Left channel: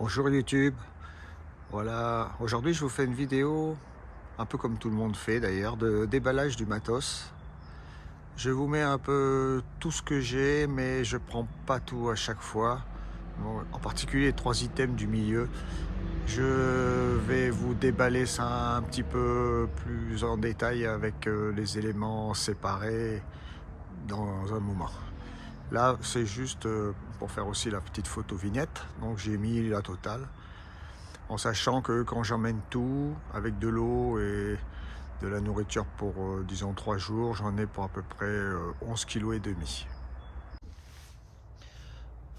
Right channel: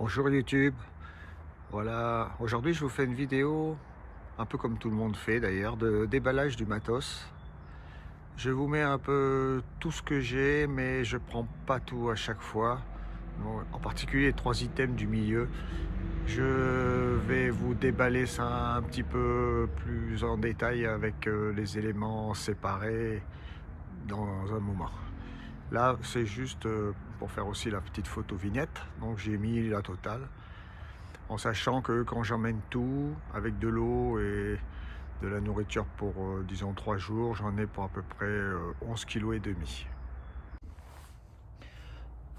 Bonjour YouTube, voilà, aujourd'hui je vous fais une vidéo, un peu comme tout le monde fait d'ailleurs, de déballage du matos. Je vous mets un peu tout ce que j'ai, mais je prends pas tout à chaque fois. Bon, en particulier les trois items du milieu. Je vais vous déballer ça un petit peu plus en détail avec les éléments séparés dans un moment. Là, c'est juste pour faire aussi la petite photo vignette, donc j'ai mis la totale. En sachant que quand j'emmène tout, avec de l'eau et de la nourriture pour, disons, 3 jours, j'en ai pour à peu près 11 kg et demi.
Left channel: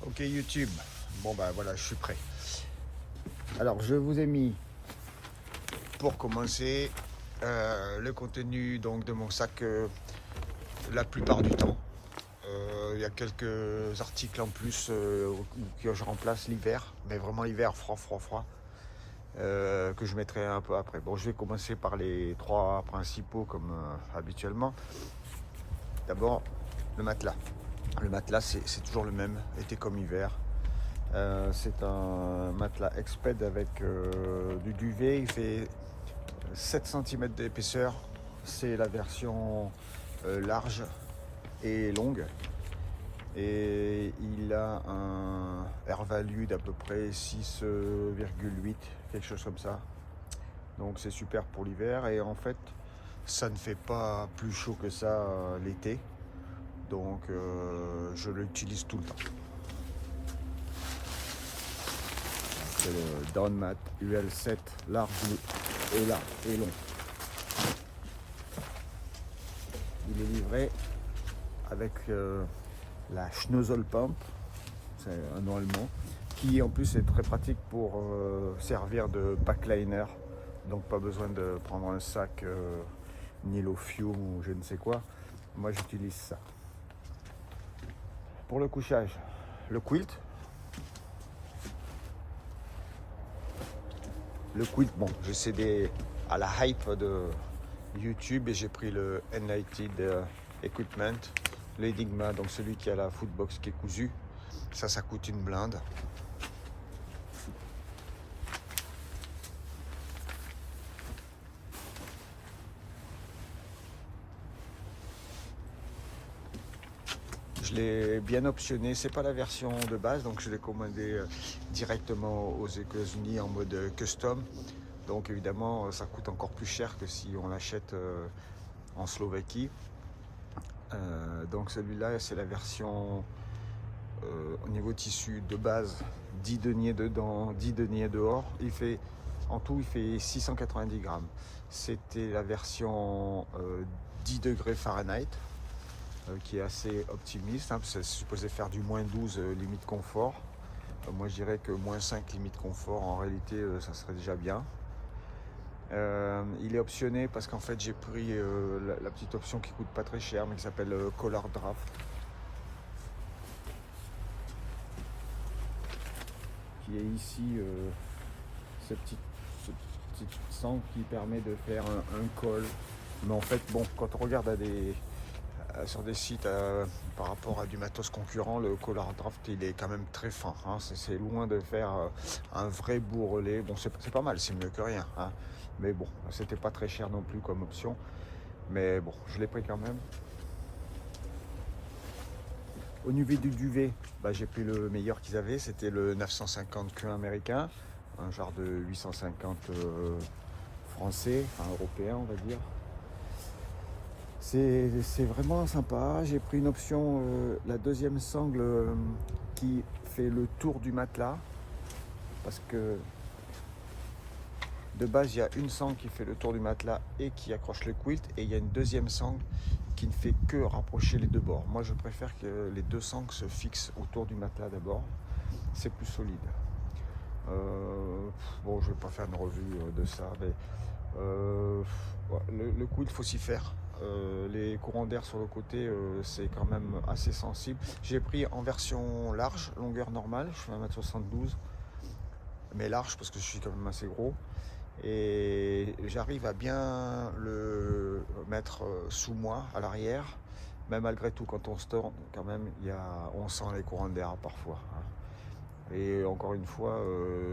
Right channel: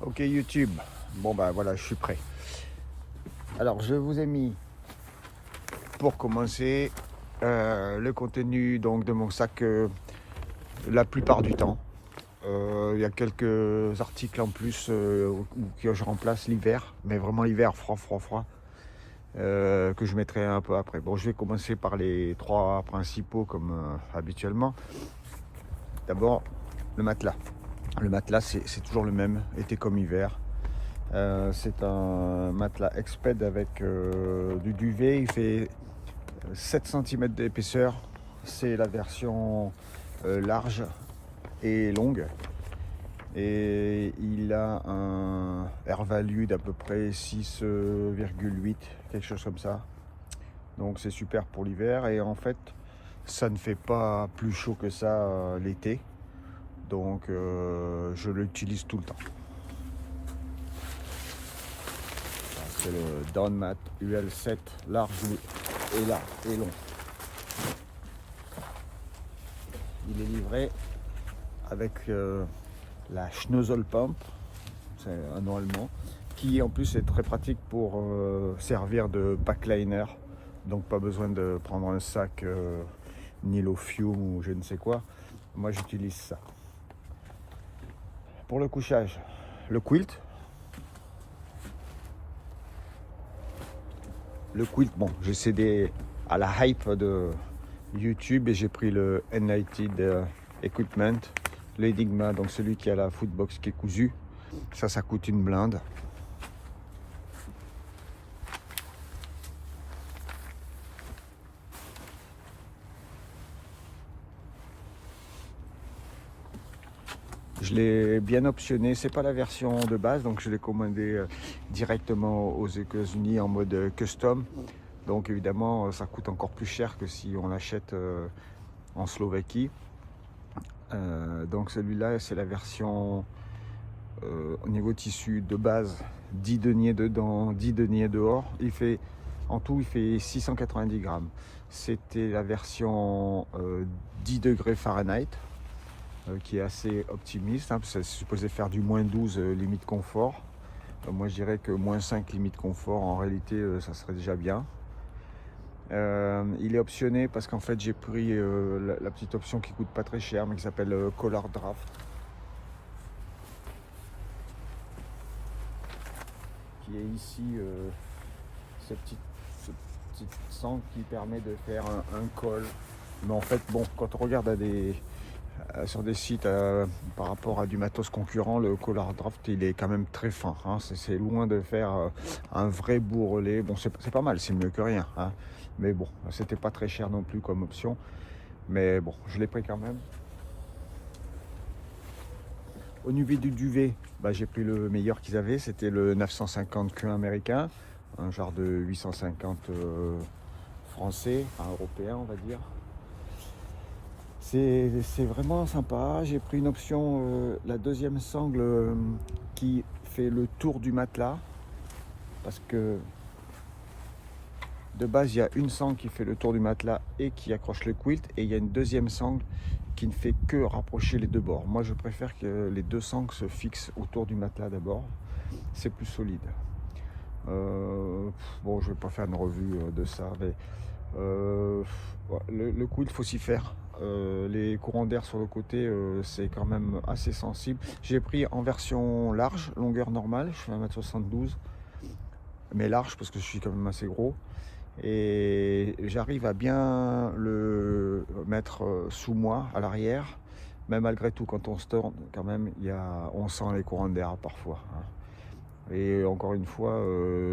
Ok YouTube, bon bah voilà, je suis prêt. Alors je vous ai mis, pour commencer, le contenu donc, de mon sac la plupart du temps. Il y a quelques articles en plus que je remplace l'hiver, mais vraiment l'hiver froid. Que je mettrai un peu après. Bon, je vais commencer par les trois principaux comme habituellement. D'abord, le matelas. Le matelas, c'est toujours le même, été comme hiver. C'est un matelas Exped avec du duvet. Il fait 7 cm d'épaisseur. C'est la version large et longue. Et il a un air value d'à peu près 6,8, quelque chose comme ça. Donc c'est super pour l'hiver et en fait ça ne fait pas plus chaud que ça l'été. Donc je l'utilise tout le temps. C'est le Downmat UL7 large et long. Il est livré avec la Schnozzle Pump, c'est un nom allemand, qui en plus est très pratique pour servir de backliner. Donc pas besoin de prendre un sac Nilofium ou je ne sais quoi. Moi j'utilise ça. Pour le couchage, le quilt. Le quilt, bon, j'ai cédé à la hype de YouTube et j'ai pris le Enlighted Equipment, l'Enigma, donc celui qui a la footbox qui est cousue. Ça coûte une blinde. Je l'ai bien optionné, c'est pas la version de base, donc je l'ai commandé directement aux États-Unis en mode custom. Donc évidemment, ça coûte encore plus cher que si on achète en Slovaquie. Donc celui-là, c'est la version au niveau tissu de base, 10 deniers dedans, 10 deniers dehors. En tout, il fait 690 grammes. C'était la version 10 degrés Fahrenheit. Qui est assez optimiste, hein, c'est supposé faire du -12 limite confort. Moi je dirais que -5 limite confort, en réalité ça serait déjà bien. Il est optionné parce qu'en fait j'ai pris la petite option qui coûte pas très cher mais qui s'appelle Collar Draft, qui est ici cette petite sangle qui permet de faire un col. Mais en fait bon, quand on regarde sur des sites par rapport à du matos concurrent, le Collar Draft il est quand même très fin, hein. C'est loin de faire un vrai bourrelet. Bon, c'est pas mal, c'est mieux que rien, hein. Mais bon, c'était pas très cher non plus comme option, mais bon, je l'ai pris quand même. Au niveau du duvet, bah, j'ai pris le meilleur qu'ils avaient, c'était le 950 Q américain, un genre de 850 français, enfin européen on va dire. C'est vraiment sympa. J'ai pris une option, la deuxième sangle qui fait le tour du matelas. Parce que de base, il y a une sangle qui fait le tour du matelas et qui accroche le quilt. Et il y a une deuxième sangle qui ne fait que rapprocher les deux bords. Moi, je préfère que les deux sangles se fixent autour du matelas d'abord. C'est plus solide. Bon, je ne vais pas faire une revue de ça. Mais, le quilt, il faut s'y faire. Les courants d'air sur le côté, c'est quand même assez sensible. J'ai pris en version large, longueur normale, je fais 1m72, mais large parce que je suis quand même assez gros. Et j'arrive à bien le mettre sous moi, à l'arrière. Mais malgré tout, quand on se tourne, quand même, on sent les courants d'air parfois. Et encore une fois,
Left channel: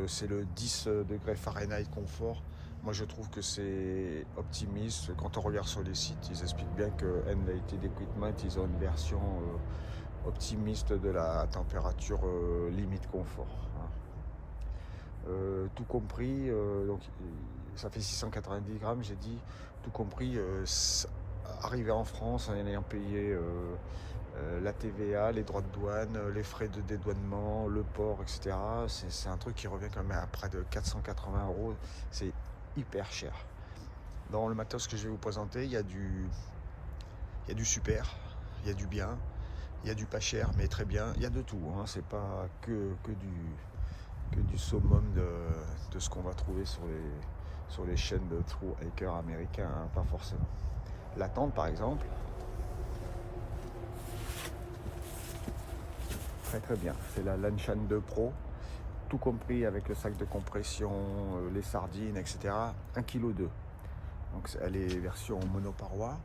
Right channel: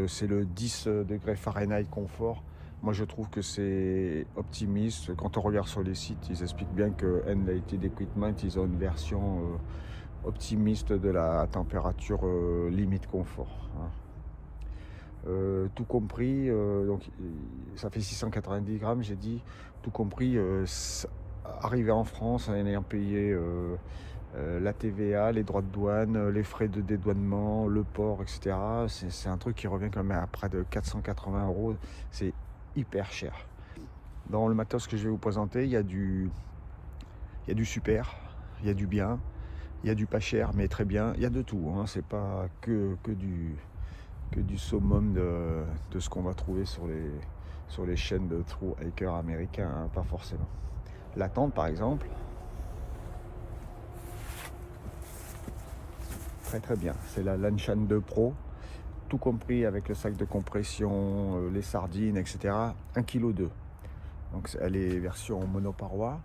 c'est le 10 degrés Fahrenheit confort. Moi, je trouve que c'est optimiste. Quand on regarde sur les sites, ils expliquent bien que NLT Equipment, ils ont une version optimiste de la température limite confort. Tout compris, donc ça fait 690 grammes, j'ai dit, tout compris, arrivé en France, en ayant payé la TVA, les droits de douane, les frais de dédouanement, le port, etc. C'est un truc qui revient quand même à près de 480 €. C'est hyper cher. Dans le matos que je vais vous présenter, il y a du super, il y a du bien, il y a du pas cher mais très bien, il y a de tout, hein. C'est pas que du summum de ce qu'on va trouver sur les chaînes de true hiker américains, hein, pas forcément. La tente par exemple, très bien, c'est la Lanshan 2 Pro, tout compris avec le sac de compression, les sardines, etc. 1,2 kg. Donc elle est version monoparoi.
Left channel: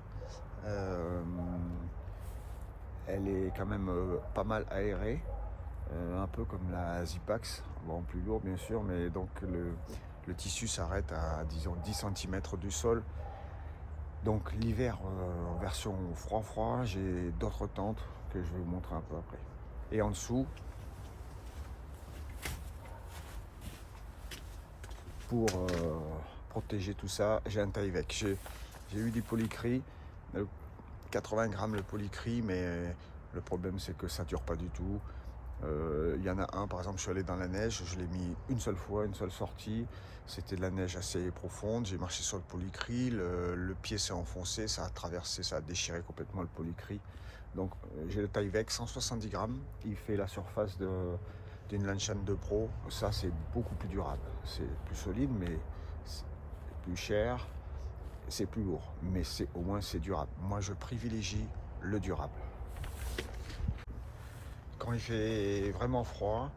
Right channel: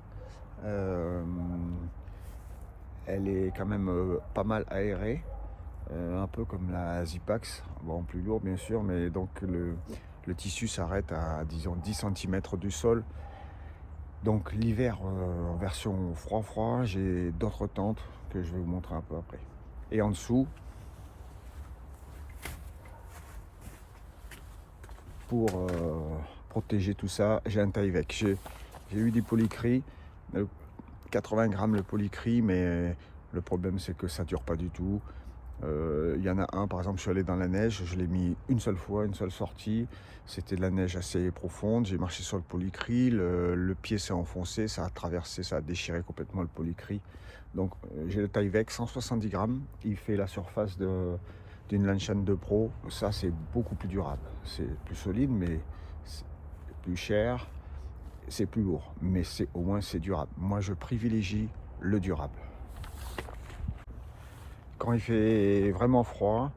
Elle est quand même pas mal aérée, un peu comme la Zipax, bon plus lourd bien sûr, mais donc le tissu s'arrête à disons 10 cm du sol. Donc l'hiver en version froid, j'ai d'autres tentes que je vais vous montrer un peu après. Et en dessous, pour protéger tout ça, j'ai un Tyvek. J'ai eu des polycris, 80 grammes le polycris, mais le problème c'est que ça dure pas du tout. Il y en a un, par exemple, je suis allé dans la neige, je l'ai mis une seule fois, une seule sortie. C'était de la neige assez profonde, j'ai marché sur le polycris, le pied s'est enfoncé, ça a traversé, ça a déchiré complètement le polycris. Donc j'ai le Tyvek 170 grammes, il fait la surface d'une Lanshan 2 Pro. Ça c'est beaucoup plus durable, c'est plus solide mais c'est plus cher, c'est plus lourd, mais au moins c'est durable. Moi je privilégie le durable. Quand il fait vraiment froid,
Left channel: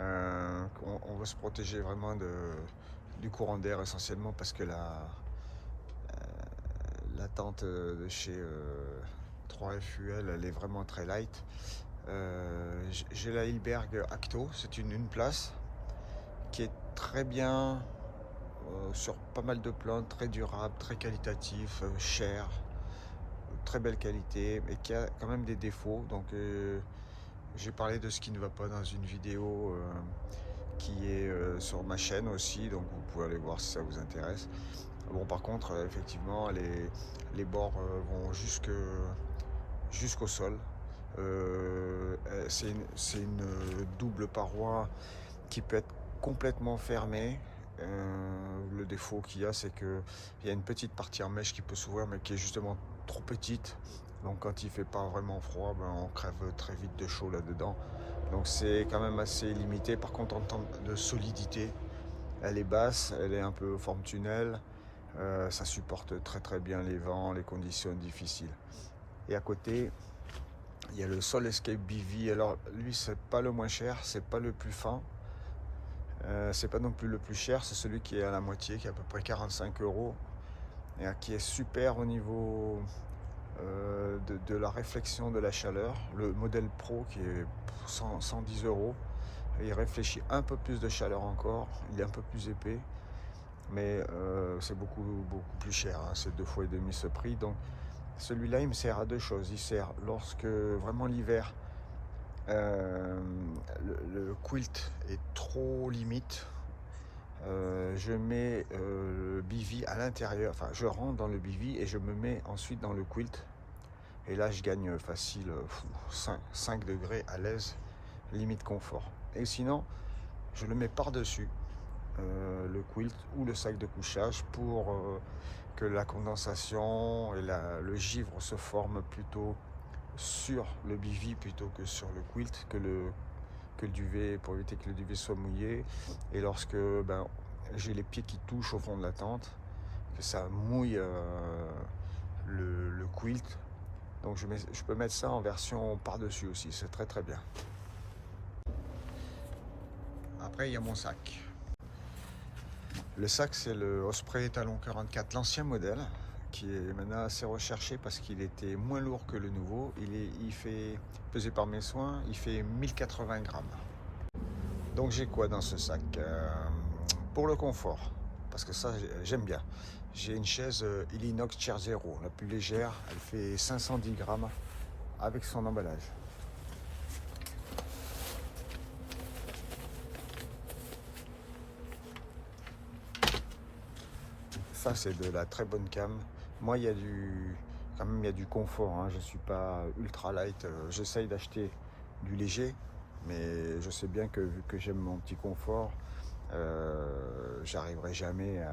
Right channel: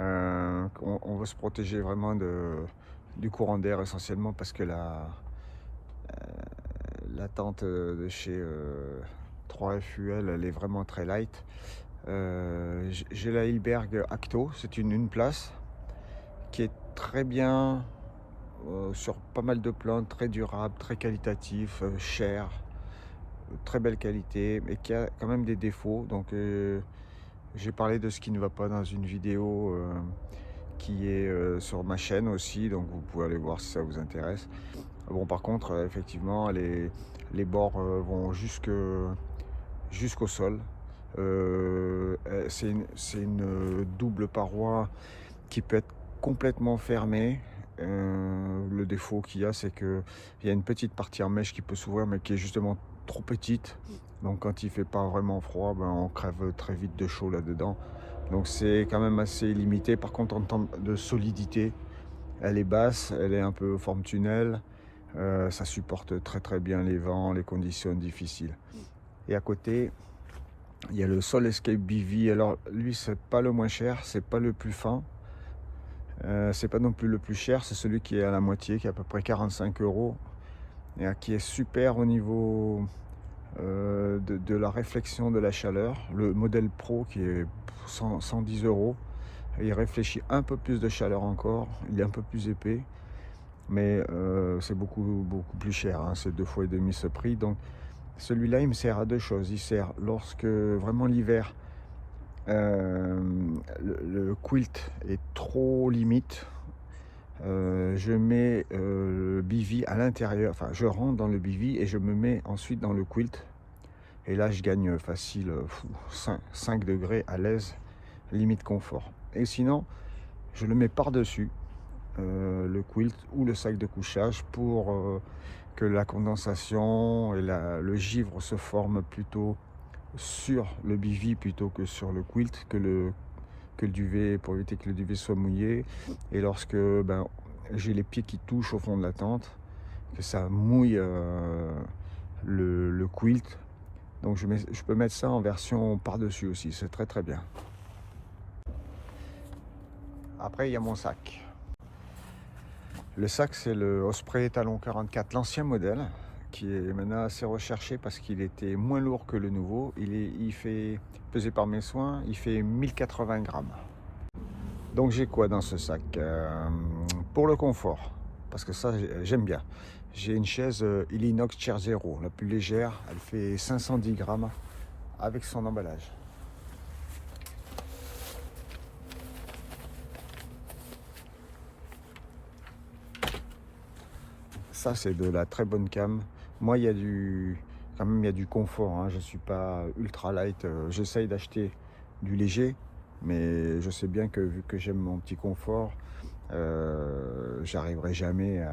on veut se protéger vraiment du courant d'air essentiellement parce que la tente de chez 3FUL elle est vraiment très light. J'ai la Hilberg Acto, c'est une place qui est très bien sur pas mal de plans, très durable, très qualitatif, cher, très belle qualité, mais qui a quand même des défauts. Donc j'ai parlé de ce qui ne va pas dans une vidéo qui est sur ma chaîne aussi, donc vous pouvez aller voir si ça vous intéresse. Bon, par contre, effectivement, les bords vont jusqu'au sol. C'est une double paroi qui peut être complètement fermée. Le défaut qu'il y a, c'est qu'il y a une petite partie en mèche qui peut s'ouvrir, mais qui est justement trop petite. Donc quand il fait pas vraiment froid, ben, on crève très vite de chaud là-dedans. Donc c'est quand même assez limité. Par contre, en termes de solidité, elle est basse, elle est un peu forme tunnel. Ça supporte très bien les vents, les conditions difficiles. Et à côté, il y a le Sol Escape BV. Alors lui, c'est pas le moins cher, c'est pas le plus fin. C'est pas non plus le plus cher, c'est celui qui est à la moitié, qui est à peu près 45 €, et qui est super au niveau de la réflexion de la chaleur. Le modèle Pro qui est 110 €, il réfléchit un peu plus de chaleur encore, il est un peu plus épais, mais c'est beaucoup plus cher, hein, c'est 2,5 fois ce prix. Donc celui-là il me sert à deux choses. Il sert lorsque vraiment l'hiver le quilt est trop limite, je mets le bivy à l'intérieur, enfin je rentre dans le bivy et je me mets ensuite dans le quilt, et là je gagne facile 5 degrés à l'aise, limite confort. Et sinon je le mets par dessus le quilt ou le sac de couchage pour que la condensation et le givre se forment plutôt sur le bivy plutôt que sur le quilt, que le duvet, pour éviter que le duvet soit mouillé. Et lorsque j'ai les pieds qui touchent au fond de la tente, que ça mouille le quilt, donc je peux mettre ça en version par-dessus aussi, c'est très bien. Après il y a mon sac. Le sac c'est le Osprey Talon 44, l'ancien modèle, qui est maintenant assez recherché parce qu'il était moins lourd que le nouveau. Il fait, pesé par mes soins, il fait 1080 grammes. Donc j'ai quoi dans ce sac? Pour le confort, parce que ça j'aime bien. J'ai une chaise Illinox Chair Zero, la plus légère, elle fait 510 grammes avec son emballage. Ça c'est de la très bonne cam. Moi il y a quand même il y a du confort, hein. Je suis pas ultra light, j'essaye d'acheter du léger, mais je sais bien que vu que j'aime mon petit confort, j'arriverai jamais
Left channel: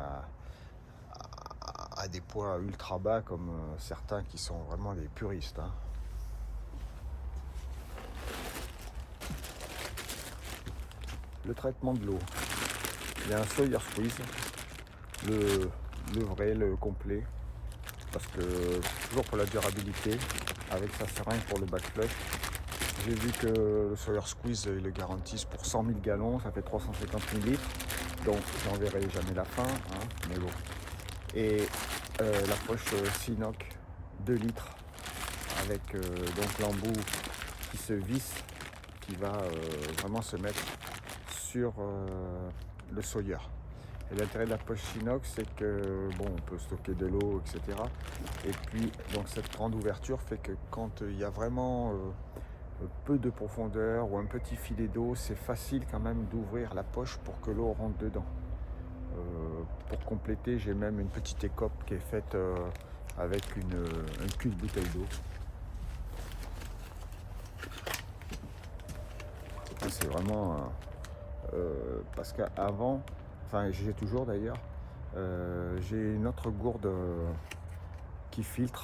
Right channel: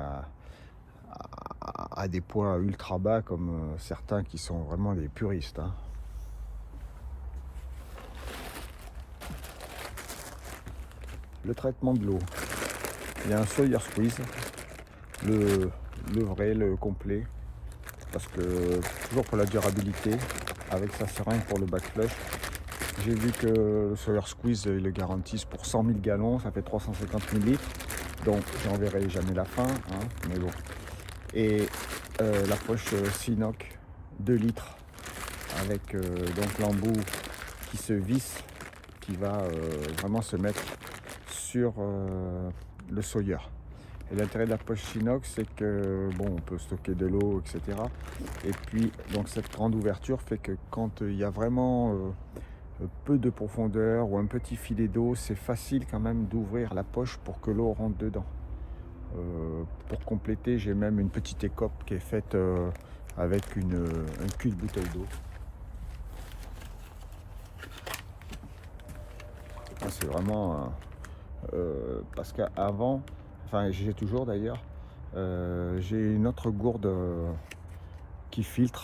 à des points ultra bas comme certains qui sont vraiment des puristes, hein. Le traitement de l'eau, il y a un Sawyer Squeeze, le vrai, le complet, parce que toujours pour la durabilité, avec sa seringue pour le backflush. J'ai vu que le Sawyer Squeeze, ils le garantissent pour 100 000 gallons, ça fait 350 000 litres, donc je n'en verrai jamais la fin, hein, mais bon. Et la poche Sinoc 2 litres avec donc l'embout qui se visse, qui va vraiment se mettre sur le Sawyer. Et l'intérêt de la poche Sinox, c'est que bon, on peut stocker de l'eau, etc. Et puis donc cette grande ouverture fait que quand il y a vraiment peu de profondeur ou un petit filet d'eau, c'est facile quand même d'ouvrir la poche pour que l'eau rentre dedans. Pour compléter, j'ai même une petite écope qui est faite avec un cul de bouteille d'eau. C'est vraiment parce qu'avant, enfin j'ai toujours d'ailleurs, j'ai une autre gourde qui filtre.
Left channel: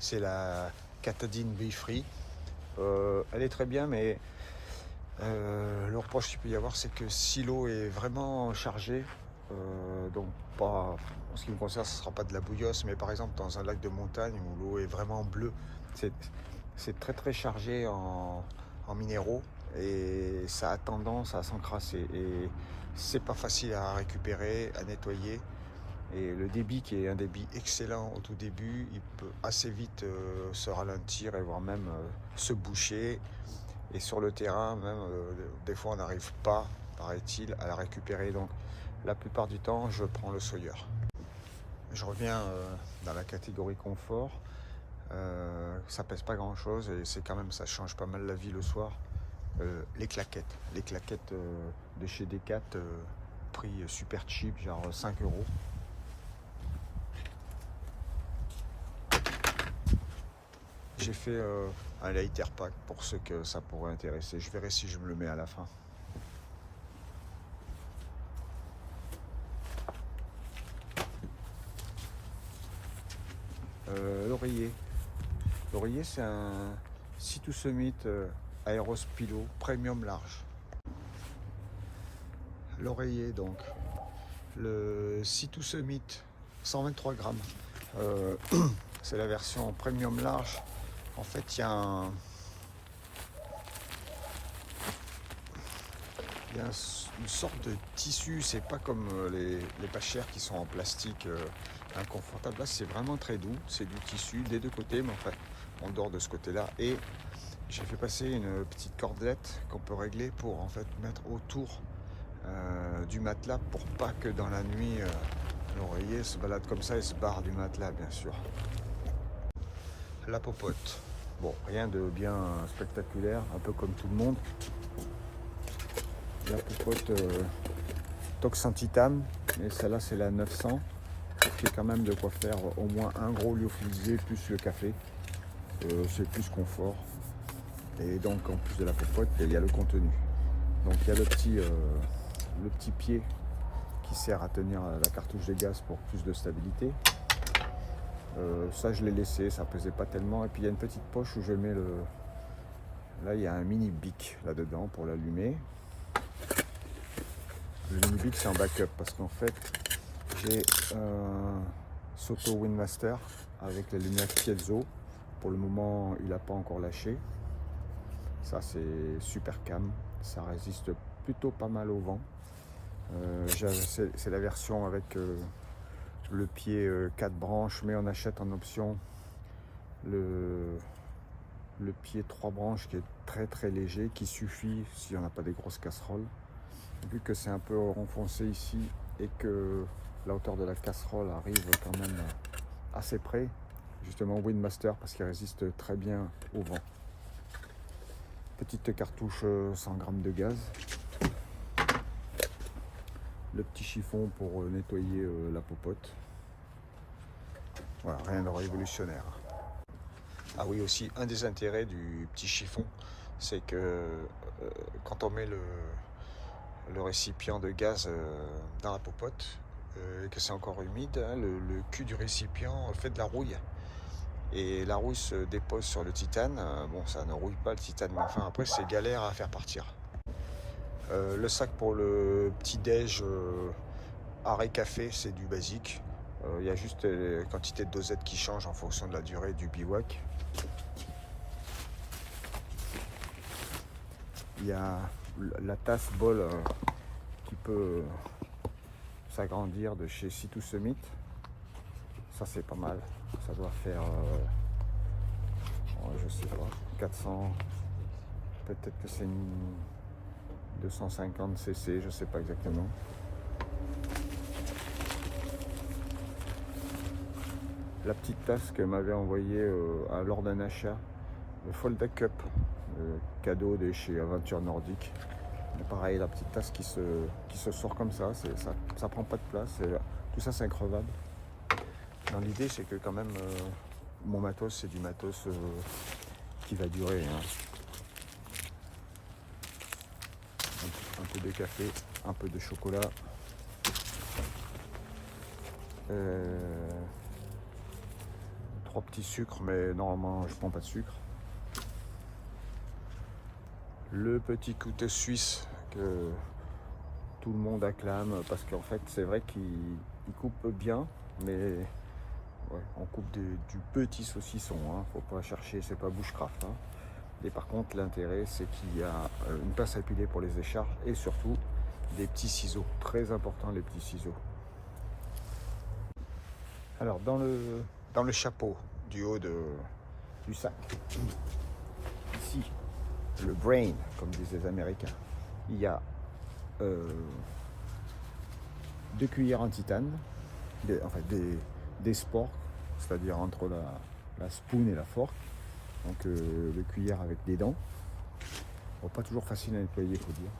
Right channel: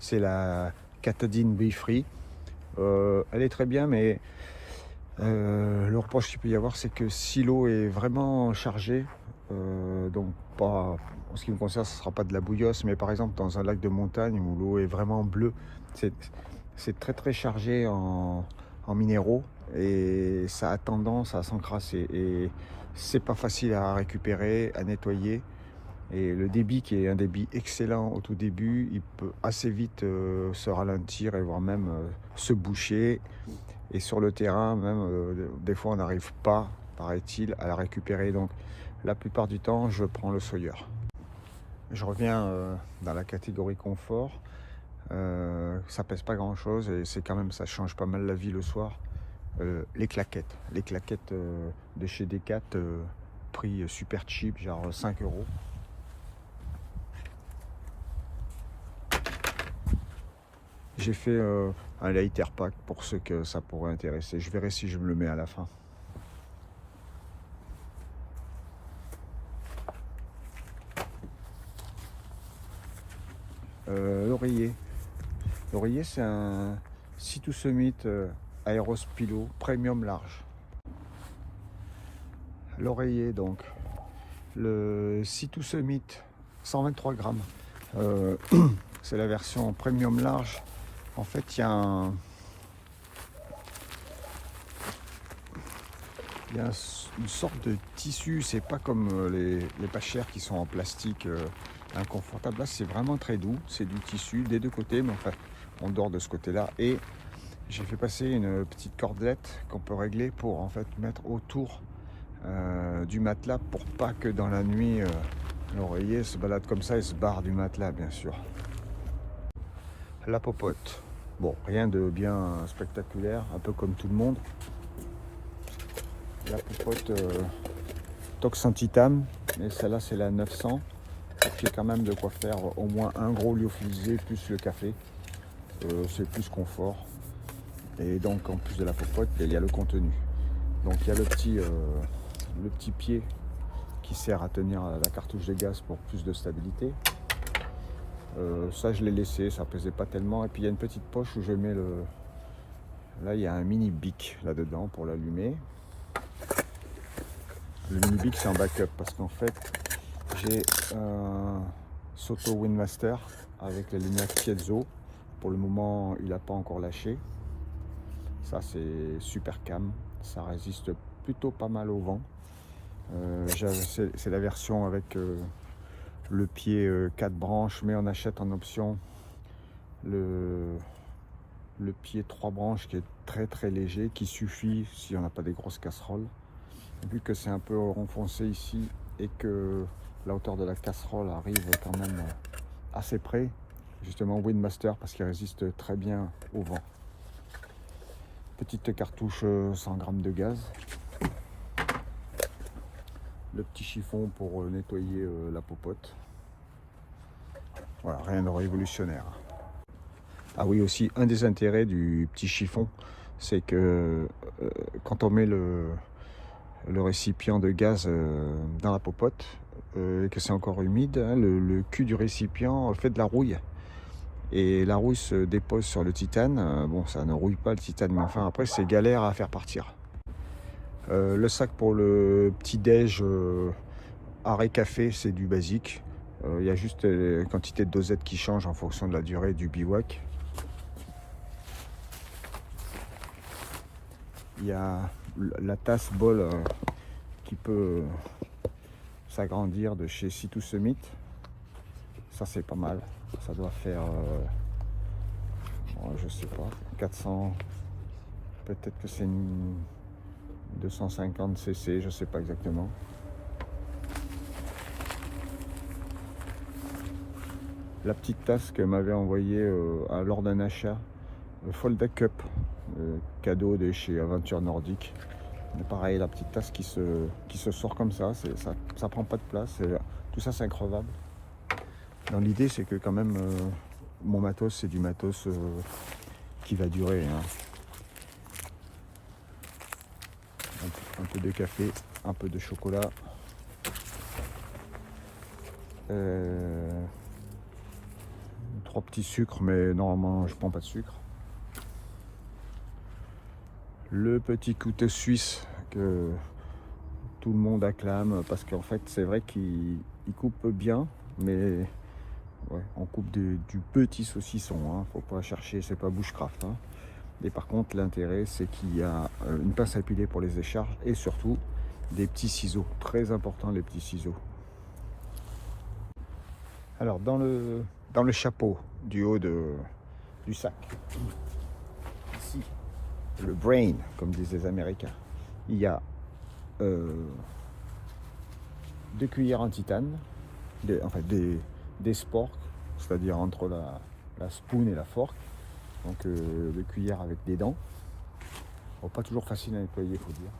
C'est la Katadyn Be Free. Elle est très bien, mais le reproche qu'il peut y avoir, c'est que si l'eau est vraiment chargée, donc pas, en ce qui me concerne, ce ne sera pas de la bouillasse, mais par exemple dans un lac de montagne où l'eau est vraiment bleue, c'est très très chargé en minéraux et ça a tendance à s'encrasser et c'est pas facile à récupérer, à nettoyer. Et le débit qui est un débit excellent au tout début, il peut assez vite se ralentir et voire même se boucher. Et sur le terrain, même des fois on n'arrive pas, paraît-il, à la récupérer. Donc la plupart du temps, je prends le Sawyer. Je reviens dans la catégorie confort. Ça pèse pas grand chose et c'est quand même, ça change pas mal la vie le soir. Les claquettes de chez Decat, prix super cheap, genre 5 euros. J'ai fait un lighter pack pour ceux que ça pourrait intéresser. Je verrai si je me le mets à la fin. L'oreiller. L'oreiller, c'est un Sea2 Summit Aerospilo Premium large. L'oreiller, donc, le Sea2 Summit 123 grammes. C'est la version Premium large. En fait, il y a une sorte de tissu, c'est pas comme les pas chers qui sont en plastique inconfortable. Là, c'est vraiment très doux, c'est du tissu des deux côtés, mais enfin, on dort de ce côté-là. Et j'ai fait passer une petite cordelette qu'on peut régler pour en fait mettre autour du matelas pour pas que dans la nuit l'oreiller se balade comme ça et se barre du matelas, bien sûr. La popote. Bon, rien de bien spectaculaire, un peu comme tout le monde. La popote Tox en titane, mais celle-là c'est la 900, qui est quand même de quoi faire au moins un gros lyophilisé plus le café. C'est plus confort. Et donc en plus de la popote, il y a le contenu. Donc il y a le petit pied qui sert à tenir la cartouche de gaz pour plus de stabilité. Ça je l'ai laissé, ça pesait pas tellement. Et puis il y a une petite poche où je mets là il y a un mini bic là dedans pour l'allumer. Le mini bic c'est un backup parce qu'en fait j'ai un Soto Windmaster avec la lumière Piezo. Pour le moment il n'a pas encore lâché. Ça c'est super cam, ça résiste plutôt pas mal au vent. C'est la version avec le pied 4 branches, mais on achète en option le le pied 3 branches qui est très léger, qui suffit si on n'a pas des grosses casseroles. Vu que c'est un peu renfoncé ici et que la hauteur de la casserole arrive quand même assez près, justement Windmaster parce qu'il résiste très bien au vent. Petite cartouche 100 g de gaz. Le petit chiffon pour nettoyer la popote. Voilà, rien de révolutionnaire. Ah oui, aussi, un des intérêts du petit chiffon, c'est que quand on met le récipient de gaz dans la popote, et que c'est encore humide, hein, le cul du récipient fait de la rouille. Et la rouille se dépose sur le titane. Bon, ça ne rouille pas le titane, mais enfin après, c'est galère à faire partir. Le sac pour le petit déj arrêt café, c'est du basique. Il y a juste la quantité de dosette qui change en fonction de la durée du bivouac. Il y a la tasse bol qui peut s'agrandir de chez C2 Summit. Ça c'est pas mal. Ça doit faire, je sais pas, 400, peut-être que c'est 250 cc, je sais pas exactement. La petite tasse que m'avait envoyée lors d'un achat, le Fold Cup, cadeau de chez Aventure Nordique. Et pareil, la petite tasse qui se sort comme ça, ça prend pas de place, et tout ça c'est increvable. L'idée c'est que quand même mon matos c'est du matos qui va durer. Hein. Un peu de café, un peu de chocolat. Trois petits sucres, mais normalement je prends pas de sucre. Le petit couteau suisse que tout le monde acclame parce qu'en fait c'est vrai qu'il coupe bien, mais ouais, on coupe du petit saucisson, hein. Faut pas chercher, c'est pas bushcraft. Hein. Et par contre l'intérêt c'est qu'il y a une pince à épiler pour les décharges et surtout des petits ciseaux, très important les petits ciseaux. Alors dans le chapeau du haut du sac, ici, le brain, comme disent les Américains, il y a 2 cuillères en titane, des sporks, c'est-à-dire entre la spoon et la fork, donc des cuillères avec des dents. Bon, pas toujours facile à nettoyer, il faut dire.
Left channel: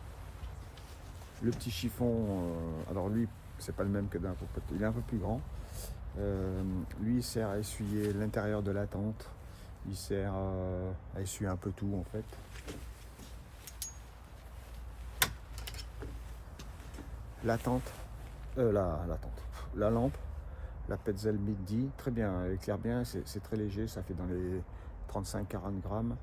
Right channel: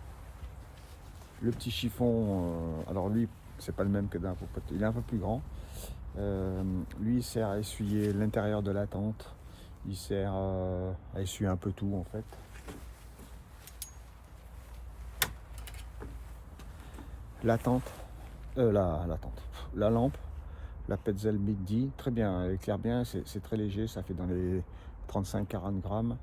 Le petit chiffon, alors lui, c'est pas le même que dans la popote, il est un peu plus grand. Lui il sert à essuyer l'intérieur de la tente, il sert à essuyer un peu tout en fait. La lampe, la Petzl Midi, très bien, elle éclaire bien, c'est très léger, ça fait dans les 35-40 grammes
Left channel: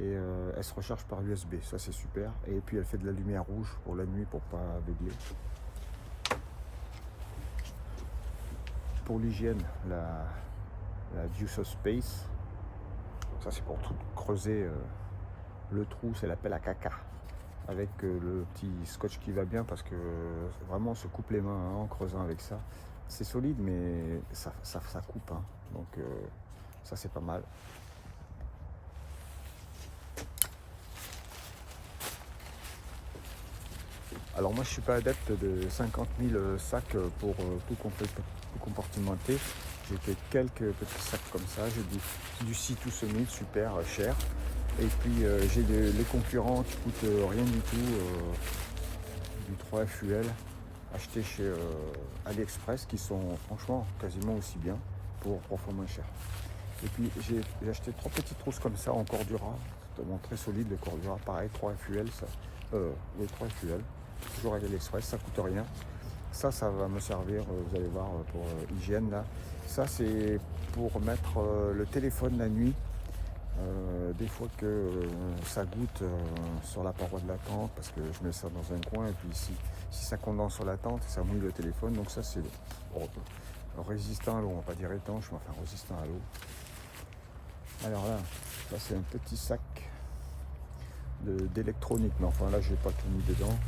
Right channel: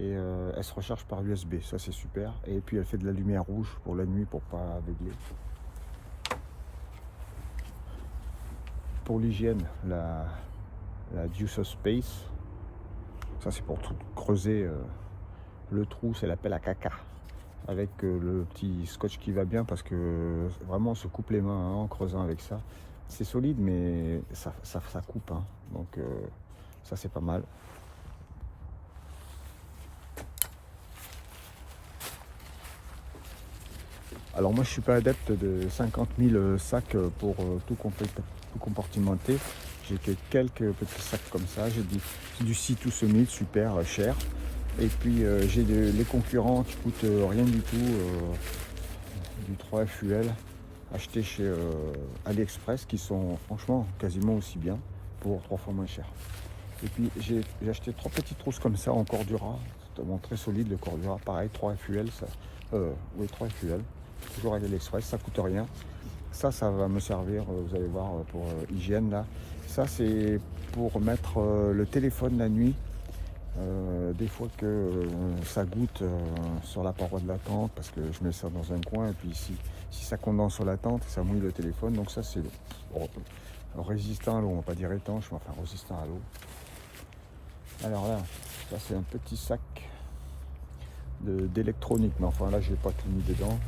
et elle se recharge par USB, ça c'est super. Et puis elle fait de la lumière rouge pour la nuit pour pas aveugler. Pour l'hygiène, la Juice Space, ça c'est pour creuser le trou, c'est la pelle à caca avec le petit scotch qui va bien parce que vraiment on se coupe les mains hein, en creusant avec ça. C'est solide mais ça coupe, hein. Donc ça c'est pas mal. Alors moi je suis pas adepte de 50 000 sacs pour tout compartimenter. J'ai que quelques petits sacs comme ça. J'ai du C2 Summit, super cher. Et puis j'ai les concurrents qui coûtent rien du tout, du 3FUL acheté chez AliExpress qui sont franchement quasiment aussi bien pour 3 fois moins cher. Et puis j'ai acheté 3 petites trousses comme ça en Cordura, c'est vraiment très solide le Cordura, pareil 3FUL, oui 3FUL, toujours à AliExpress, ça coûte rien. Ça va me servir, vous allez voir, pour hygiène là. Ça c'est pour mettre le téléphone la nuit. Des fois que ça goûte sur la paroi de la tente parce que je mets ça dans un coin et puis si ça condense sur la tente ça mouille le téléphone, donc ça c'est résistant à l'eau, on va pas dire étanche mais enfin résistant à l'eau. Alors là c'est un petit sac d'électronique, mais enfin là j'ai pas tout mis dedans.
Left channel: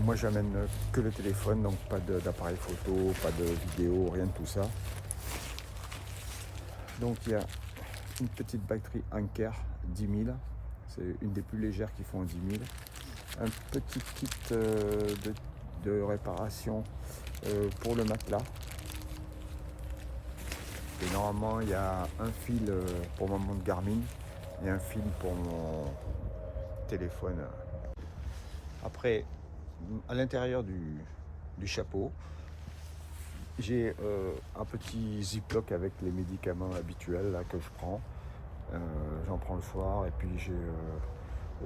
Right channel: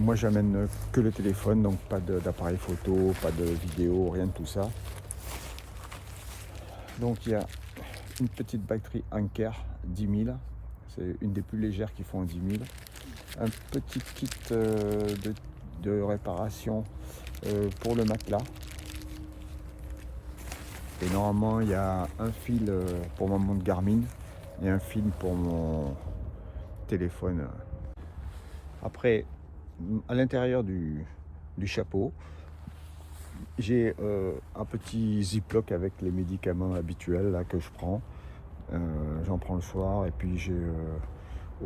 Moi j'amène que le téléphone, donc pas d'appareil photo, pas de vidéo, rien de tout ça. Donc il y a une petite batterie Anker 10 000. C'est une des plus légères qui font 10 000. Un petit kit de réparation pour le matelas. Et normalement, il y a un fil pour mon montre Garmin et un fil pour mon téléphone. Après, à l'intérieur du chapeau, j'ai un petit ziploc avec les médicaments habituels là, que je prends. J'en prends le soir et puis j'ai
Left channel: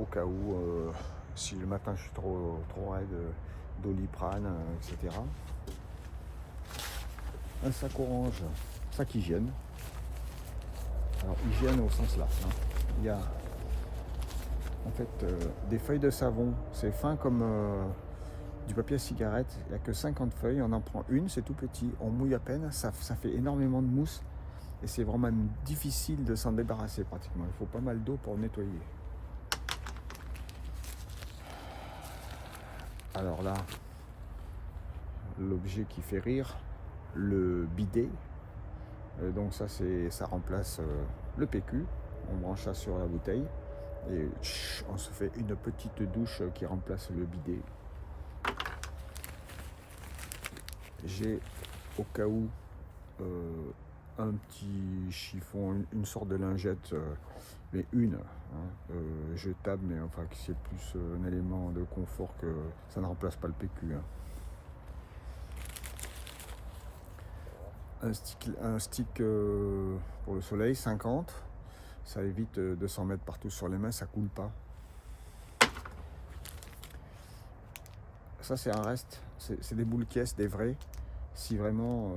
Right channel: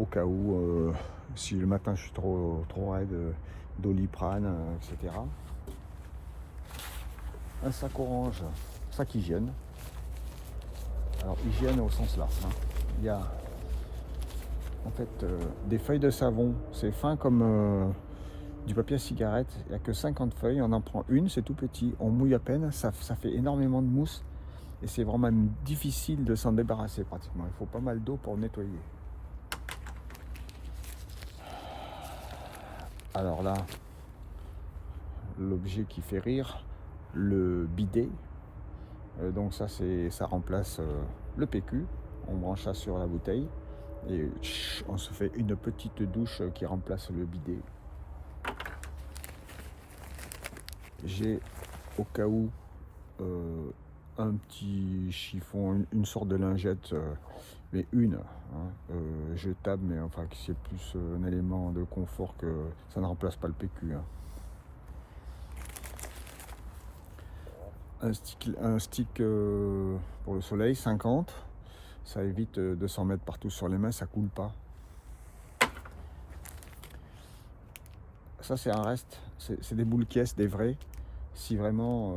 au cas où, si le matin je suis trop raide, Doliprane, etc. Un sac orange, sac hygiène. Alors hygiène au sens large. Hein. Il y a en fait des feuilles de savon, c'est fin comme du papier à cigarette. Il n'y a que 50 feuilles, on en prend une, c'est tout petit, on mouille à peine, ça fait énormément de mousse et c'est vraiment difficile de s'en débarrasser pratiquement. Il faut pas mal d'eau pour nettoyer. Alors là, l'objet qui fait rire, le bidet. Donc ça remplace le PQ. On branche ça sur la bouteille et on se fait une petite douche qui remplace le bidet. J'ai au cas où un petit chiffon, une sorte de lingette, mais jetable, mais enfin qui est plus un élément de confort que ça ne remplace pas le PQ. Hein. Un stick pour le soleil, 50. Ça évite de s'en mettre partout sur les mains, ça coule pas. Ça c'est un reste, c'est des boules caisses, des vrais. Si vraiment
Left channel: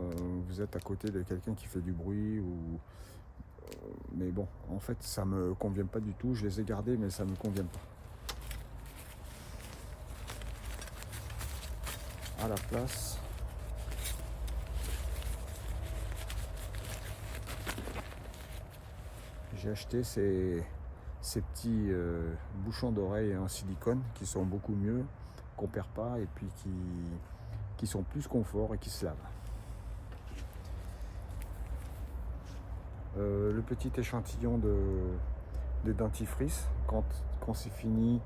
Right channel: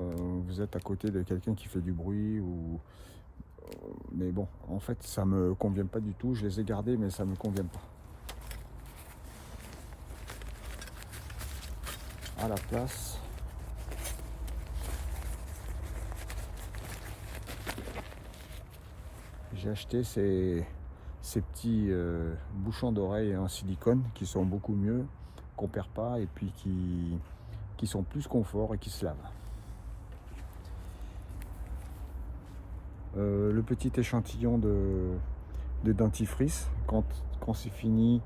vous êtes à côté de quelqu'un qui fait du bruit ou mais bon, en fait ça me convient pas du tout. Je les ai gardés mais ça me convient pas. À la place, j'ai acheté ces petits bouchons d'oreille en silicone qui sont beaucoup mieux, qu'on perd pas et puis qui sont plus confort et qui se lavent. Le petit échantillon de dentifrice, quand c'est fini,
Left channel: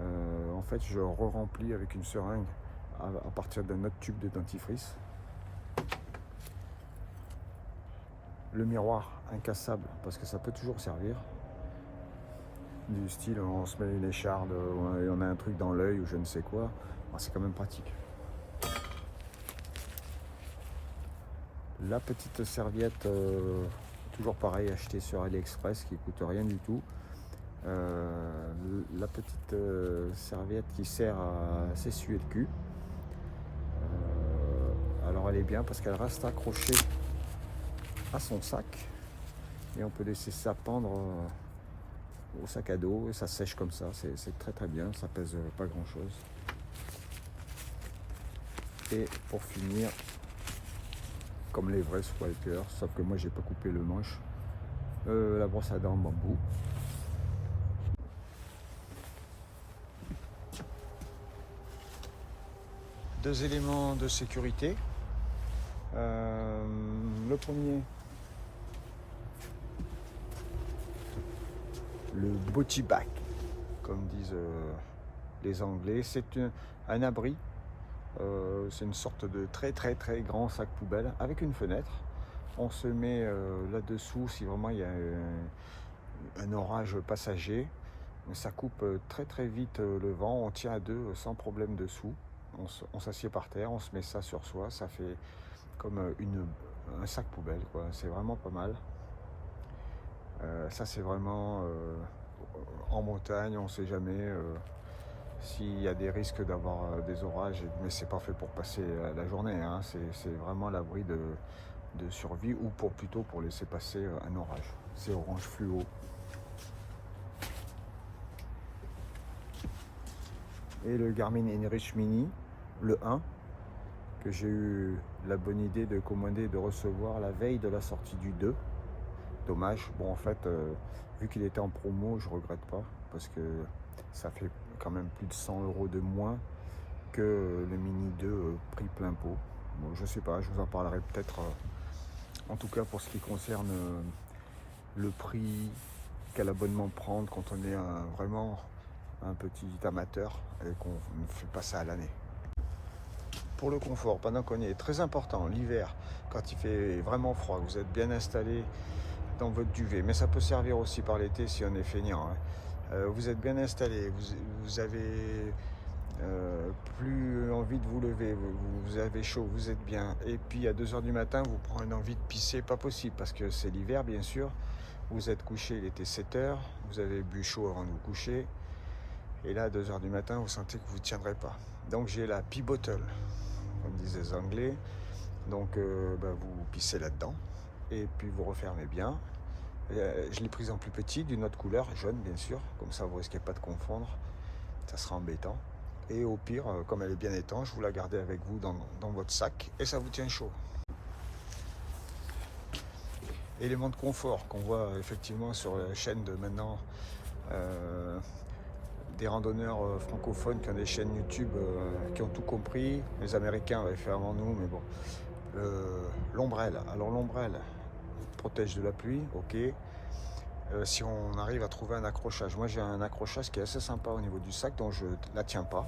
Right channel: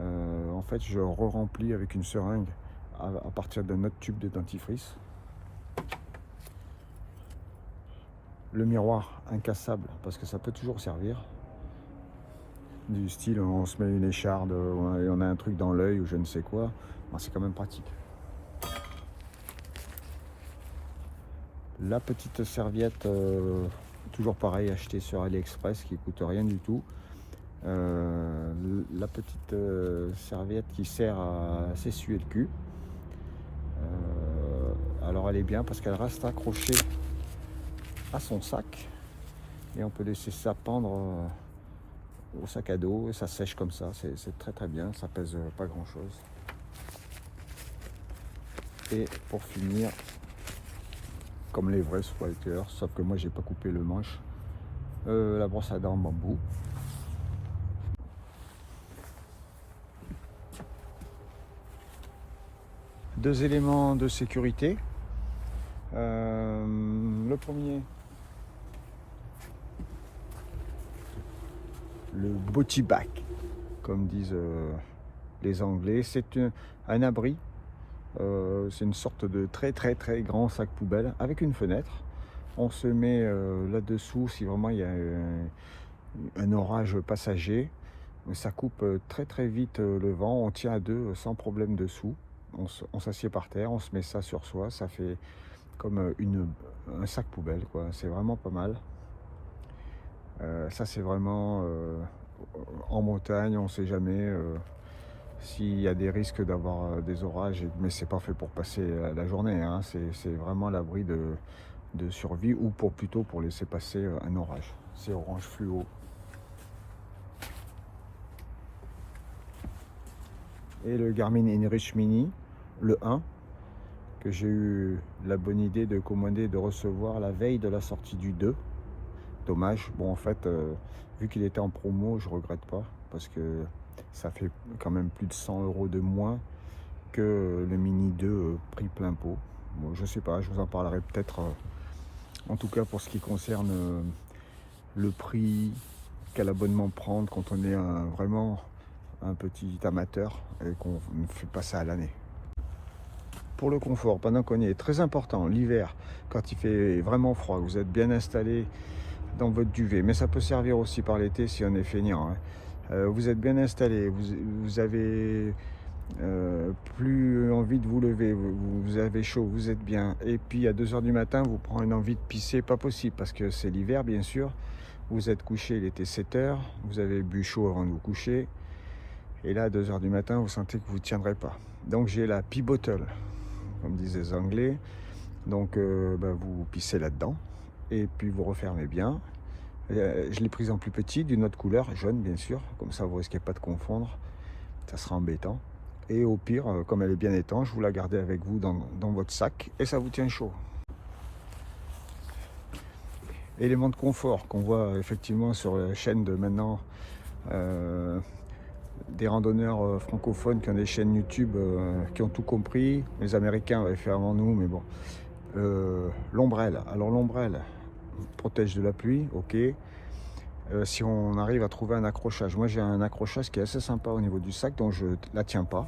en fait je re-remplis avec une seringue à partir d'un autre tube de dentifrice. Le miroir incassable parce que ça peut toujours servir. Du style on se met une écharde, on a un truc dans l'œil ou je ne sais quoi, c'est quand même pratique. La petite serviette, toujours pareil, achetée sur AliExpress qui coûte rien du tout. La petite serviette qui sert à s'essuyer le cul. Alors elle est bien parce qu'elle reste accrochée à son sac et on peut laisser ça pendre au sac à dos, ça sèche comme ça, c'est très très bien, ça pèse pas grand chose. Et pour finir, comme les vrais squatteurs, sauf que moi j'ai pas coupé le manche, la brosse à dents en bambou. Deux éléments de sécurité. Le premier, le body bag, comme disent les Anglais. C'est un abri. C'est une sorte de très très très grand sac poubelle avec une fenêtre. On se met là-dessous si vraiment il y a un orage passager. Ça coupe très très vite le vent. On tient à deux sans problème dessous. On s'assied par terre, on se met ça sur soi. Ça fait comme un sac poubelle, quoi. C'est vraiment pas mal. Ça c'est vraiment en montagne, on ne sait jamais s'il y a des risques d'avoir des orages, mais c'est pas fait pour passer la journée, hein. C'est vraiment l'abri de survie ou plutôt pour laisser passer un orage. C'est orange fluo. Et le Garmin InReach Mini, le 1, que j'ai eu la bonne idée de commander, de recevoir la veille de la sortie du 2. Dommage. Bon, en fait, vu qu'il était en promo, je regrette pas parce que ça fait quand même plus de 100 € de moins que le Mini 2 prix plein pot. Bon, je sais pas, je vous en parlerai peut-être. En tout cas, pour ce qui concerne le prix, quel abonnement prendre quand on est vraiment un petit amateur et qu'on ne fait pas ça à l'année. Pour le confort, pendant qu'on y est, très important, l'hiver, quand il fait vraiment froid, vous êtes bien installé dans votre duvet, mais ça peut servir aussi par l'été si on est feignant. Hein. Vous êtes bien installé, vous avez plus envie de vous lever, vous avez chaud, vous êtes bien. Et puis à 2 h du matin, vous prenez une envie de pisser, pas possible, parce que c'est l'hiver bien sûr. Vous êtes couché, il était 7 h, vous avez bu chaud avant de vous coucher. Et là, à 2 h du matin, vous sentez que vous ne tiendrez pas. Donc j'ai la pee bottle, comme disent les Anglais. Donc vous pissez là-dedans. Et puis vous refermez bien. Je l'ai prise en plus petit, d'une autre couleur, jaune bien sûr. Comme ça, vous risquez pas de confondre. Ça sera embêtant. Et au pire, comme elle est bien étanche, vous la gardez avec vous dans votre sac et ça vous tient chaud. Élément de confort qu'on voit effectivement sur la chaîne de maintenant des randonneurs francophones qui ont des chaînes YouTube qui ont tout compris. Les Américains avaient fait avant nous, mais bon. L'ombrelle. Alors l'ombrelle protège de la pluie, ok. Si on arrive à trouver un accrochage. Moi j'ai un accrochage qui est assez sympa au niveau du sac, donc je ne la tiens pas.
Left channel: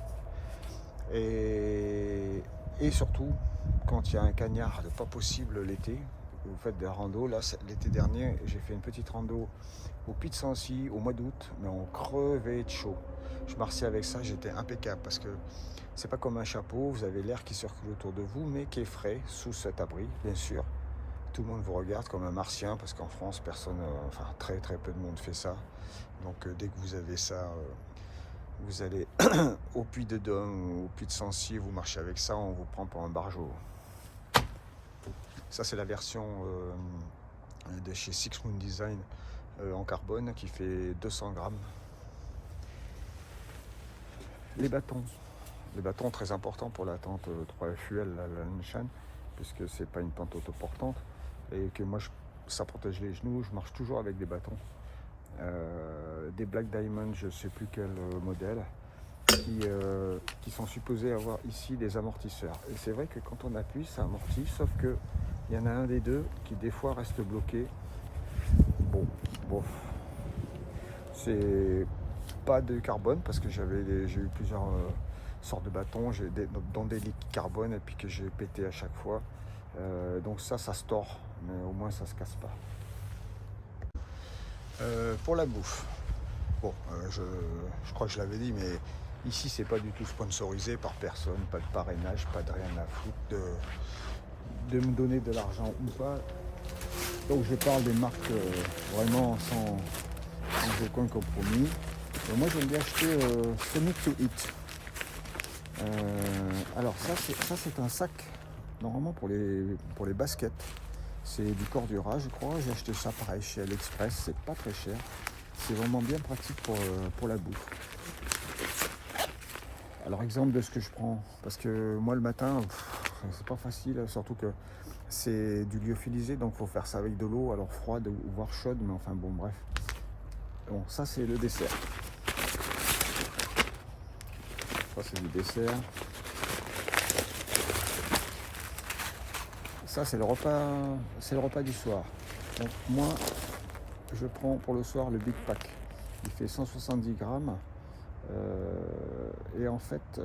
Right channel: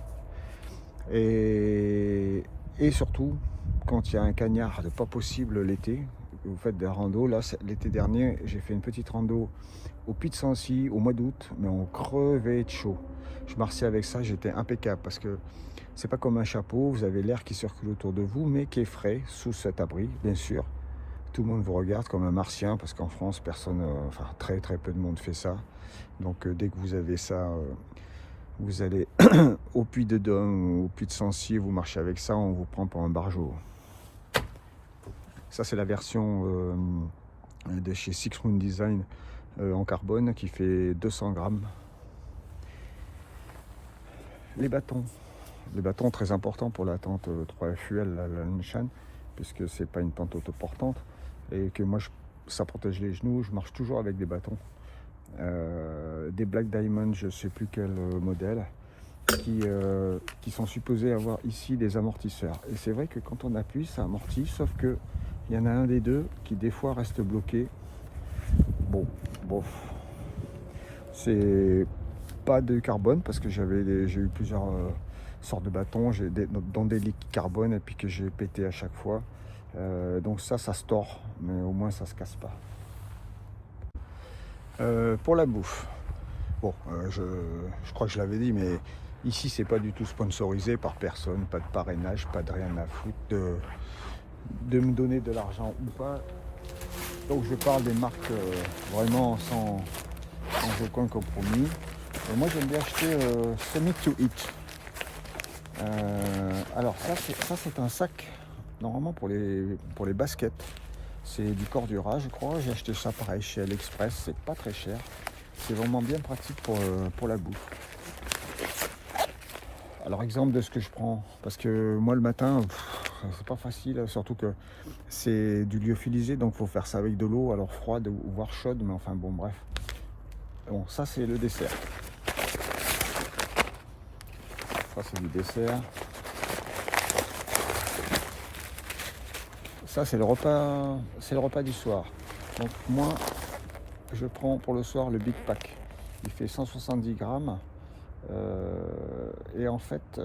Et surtout, quand il y a un cagnard, pas possible l'été, vous faites des randos. Là, l'été dernier, j'ai fait une petite rando au Puy de Sancy au mois d'août, mais on crevait de chaud. Je marchais avec ça, j'étais impeccable parce que c'est pas comme un chapeau, vous avez l'air qui circule autour de vous, mais qui est frais sous cet abri, bien sûr. Tout le monde vous regarde comme un martien parce qu'en France, personne, enfin très très peu de monde fait ça. Donc dès que vous avez ça, vous allez au Puy de Dôme, au Puy de Sancy, vous marchez avec ça, on vous prend pour un barjot. Ça c'est la version de chez Six Moon Design en carbone qui fait 200 grammes. Les bâtons très importants pour la tente 3FUL, la Linshan, puisque c'est pas une tente autoportante et que moi ça protège les genoux, je marche toujours avec des bâtons. Des Black Diamond, je sais plus quel modèle, qui sont supposés avoir ici des amortisseurs. Et c'est vrai que quand on appuie, ça amortit, sauf que il y en a un des deux qui des fois reste bloqué. Bon, c'est pas de carbone parce que j'ai eu plusieurs sortes de bâtons, dans des liquides carbone et puis que j'ai pété à chaque fois. Donc ça se tord, mais au moins ça se casse pas. Pour la bouffe, bon, je crois que je l'avais dit, mais ici c'est pas du tout sponsorisé par personne, pas de parrainage, pas de rien à foutre de me donner de l'argent ou pas. Donc je parle de marques vraiment sans aucun compromis. Et moi j'aime bien acheter Sonic to Eat. Alors ça c'est un sac normalement pour les baskets. C'est du Cordura je crois. J'ai acheté ça pareil chez AliExpress, c'est pas très cher. C'est vraiment bien pratique pour la bouffe. Alors exemple de ce que je prends, parce que moi le matin c'est pas facile, surtout que c'est du lyophilisé, donc il faut faire ça avec de l'eau, alors froide ou voire chaude, mais enfin bon bref. Bon, ça c'est le dessert. Ça c'est du dessert. Ça c'est le repas du soir. Donc moi je prends pour le soir le Big Pack. Il fait 170 grammes. Et en fait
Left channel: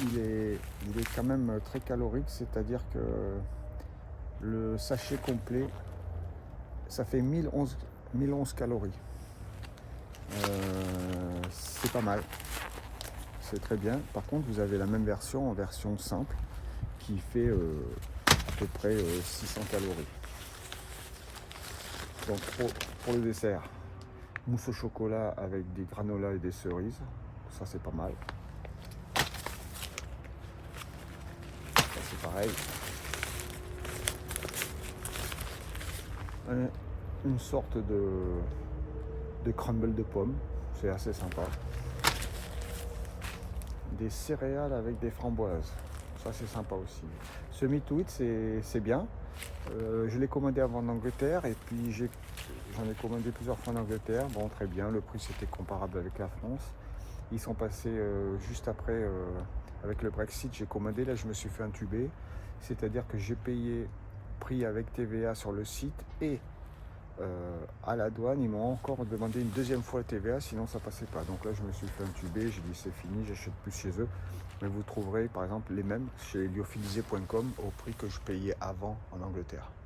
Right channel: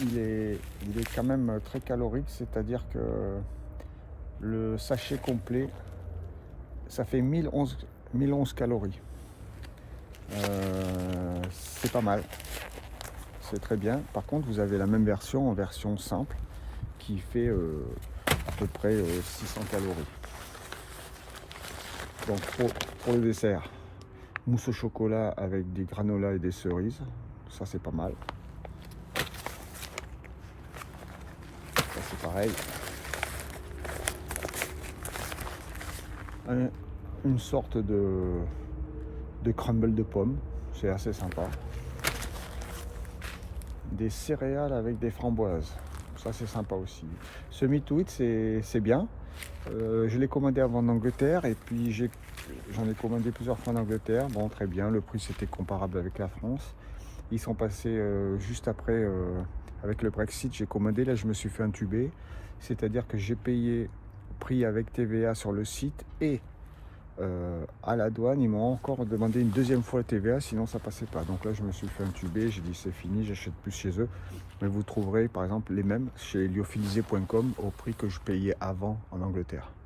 il est quand même très calorique, c'est-à-dire que le sachet complet ça fait 1011 calories. C'est pas mal, c'est très bien. Par contre vous avez la même version en version simple qui fait à peu près 600 calories. Donc pour le dessert, mousse au chocolat avec des granolas et des cerises, ça c'est pas mal. Ça c'est pareil. Une sorte de crumble de pommes, c'est assez sympa. Des céréales avec des framboises, ça c'est sympa aussi. Ce Meat to Eat c'est bien. Je l'ai commandé avant en Angleterre et puis j'en ai commandé plusieurs fois en Angleterre. Bon, très bien, le prix c'était comparable avec la France. Ils sont passés juste après avec le Brexit, j'ai commandé, là je me suis fait intuber. C'est-à-dire que j'ai payé prix avec TVA sur le site et à la douane, ils m'ont encore demandé une deuxième fois la TVA, sinon ça passait pas. Donc là, je me suis fait intuber, j'ai dit c'est fini, j'achète plus chez eux. Mais vous trouverez par exemple les mêmes chez lyophilisé.com au prix que je payais avant en Angleterre.